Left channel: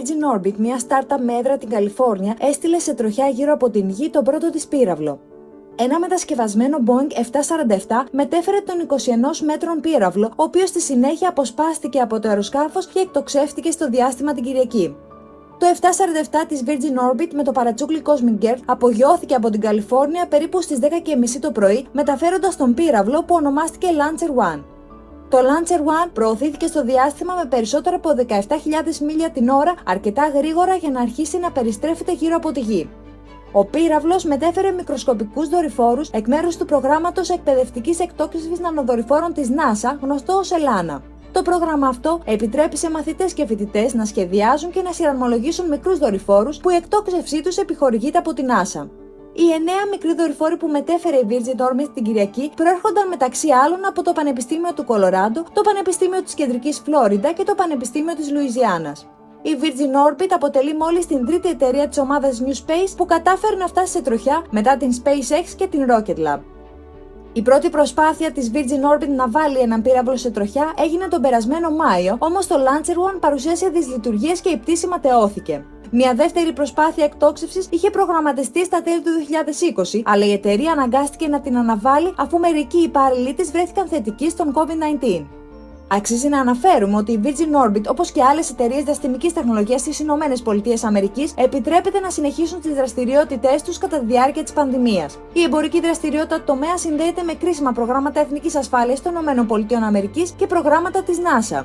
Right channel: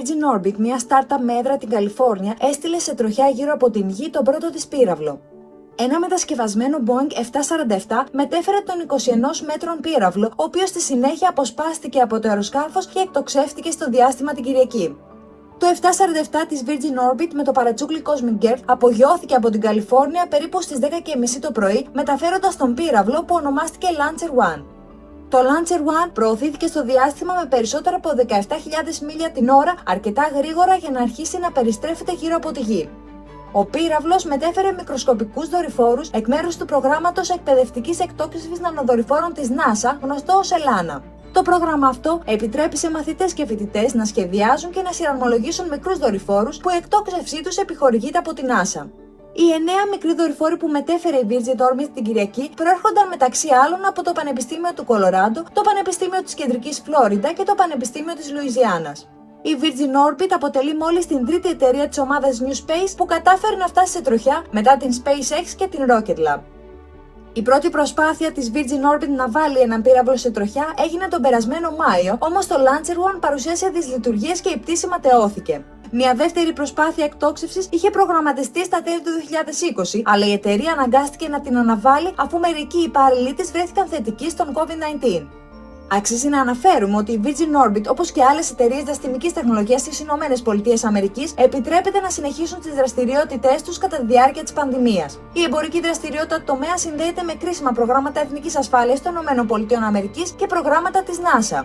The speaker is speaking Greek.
Virgin Orbit, μια startup με έδρα την Καλιφόρνια, έστειλε σε τροχιά γύρω από την Γη τον πρώτο της πύραυλο. Ένα μετασκευασμένο Boeing 747 μετέφερε τον 21 μέτρων πύραυλο, ο οποίος στη συνέχεια αποσπάστηκε από το αεροσκάφος και εκτοξεύτηκε στο διάστημα την Κυριακή. Το 747 της Virgin Orbit με το παρατσούκλι Cosmic Girl απογειώθηκε από την Καλιφόρνια περίπου στις 10:30 το πρωί, μεταφέροντας τον πύραυλο που ονομάστηκε Launcher One. Το Launcher One προωθήθηκε στο διάστημα με περισσότερο από 17.000 μίλια την ώρα, αρκετά γρήγορα για να αρχίσει να περιστρέφεται γύρω από τη Γη. Ο πύραυλος μετέφερε μικροσκοπικούς δορυφόρους εκ μέρους του προγράμματος εκπαιδευτικής εκτόξευσης νανοδορυφόρων της NASA, γνωστό ως ELANA. Το πρόγραμμα αυτό επιτρέπει σε μαθητές και φοιτητές να σχεδιάζουν και να σειρμολογήσουν μικρούς δορυφόρους που η εκτόξευσή τους επιχορηγείται από την NASA. Οι 9 μικροί δορυφόροι που μετέφερε η Virgin Orbit την Κυριακή προέρχονταν μεταξύ άλλων από το Πανεπιστήμιο του Κολοράντο, το Πανεπιστήμιο της Κεντρικής Φλόριντα και το Πανεπιστήμιο της Λουιζιάννας. Η Virgin Orbit αποτελεί μόλις την τρίτη εταιρεία της ομάδας New Space που κατάφερε να φτάσει σε τροχιά μετά την SpaceX και την Rocket Lab. Η πρώτη προσπάθεια της Virgin Orbit να βάλει έναν πύραυλο σε τροχιά έγινε τον περασμένο Μάιο, όμως το Launcher One παρουσίασε δυσλειτουργίες και η πτήση ματαιώθηκε. Μια δεύτερη προσπάθεια εκτόξευσης είχε προγραμματιστεί στα τέλη του 2020, αλλά η εταιρεία αναγκάστηκε να την αναβάλει αφού μερικοί υπάλληλοι της βρέθηκαν θετικοί στον COVID-19. Αξίζει να αναφέρουμε ότι η Virgin Orbit, όπως και άλλες εταιρείες διαστημικής τεχνολογίας στις ΗΠΑ, επιτρέπεται να συνεχίσουν τις δραστηριότητές τους κατά τη διάρκεια της πανδημίας. Η εμπορική δραστηριότητα του τομέα συνδέεται με κρίσιμα προγράμματα εθνικής ασφάλειας των ΗΠΑ και προγράμματα της NASA.